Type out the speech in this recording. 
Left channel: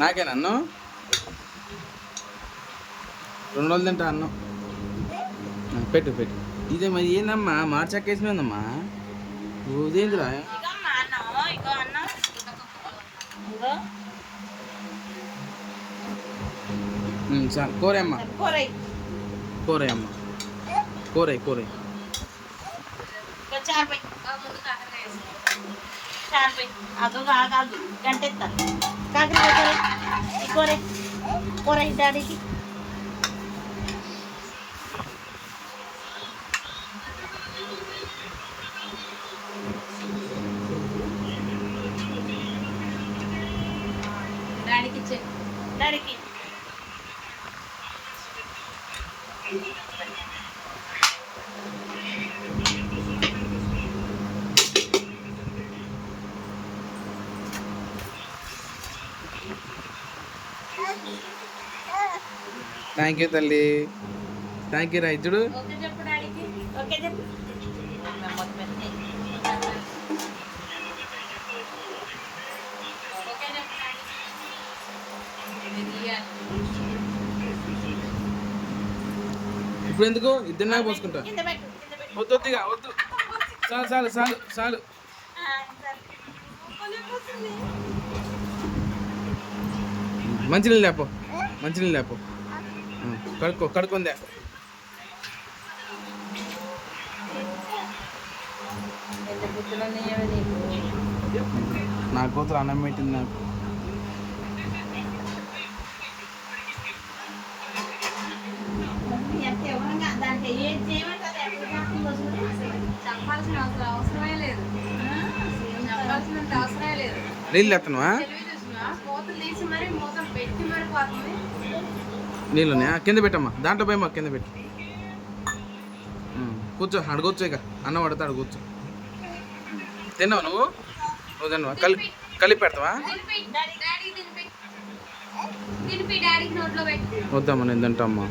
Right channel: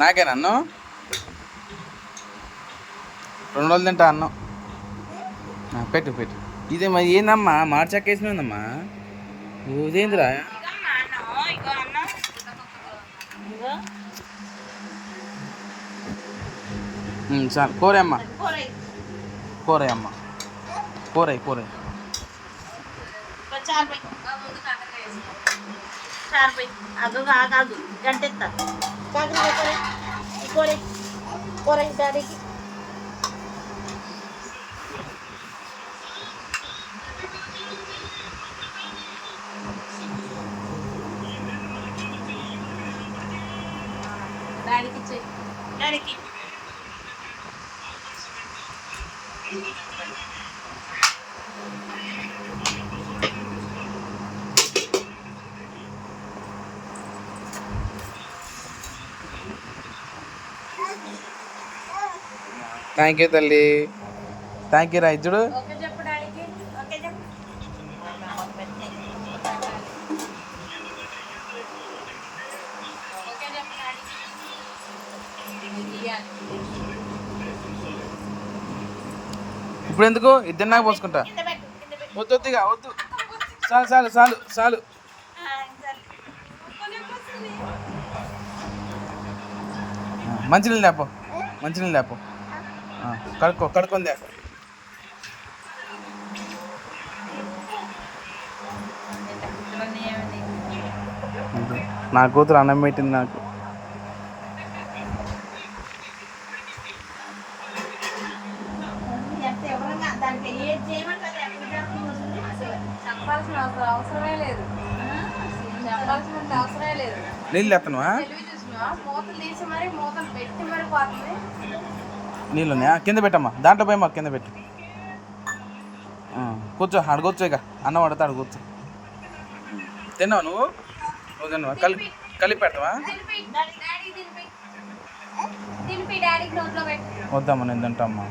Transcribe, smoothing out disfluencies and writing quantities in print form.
నాకేనా అన్నం 2 రోజులు తింటా అన్నం. పెట్టు పెట్టు. ఇదే మరి ఏందమ్మా మార్చక్కేసినమ్మా ఇదేంద్రా? చాలు కూర అమ్మ, కూర అమ్మ, కూర కూర. డాడీకి థ్యాంక్ యూ తల్లి, థ్యాంక్ యూ రా. ఇచ్చుడు ఇప్పుడు ఎందుకు ఇద్దరు నాకు పోసుకుంటా. వద్దు వద్దుగా వద్దు, చాలు చాలు చాలు చాలు. మంచినీళ్ళు లేపో, మంచినీళ్ళు లేపో. కడుక్కుందే. నా కూతురు అన్నం పెట్టింది నాకు. నీళ్ళు ఎత్తనువా? నీళ్ళున్నాయా? కింద పెట్టమ్మా, దాంట్లో పోయి మాకు కింద పెట్టు. కూర్చో, అడగొచ్చు. ఇక అన్నం పడితే అడగొచ్చు. తిన్నావు నువ్వు? నువ్వు తిన్నావా? కలిపి పెడతావా? వద్దమ్మా, నేను తింటా అమ్మా.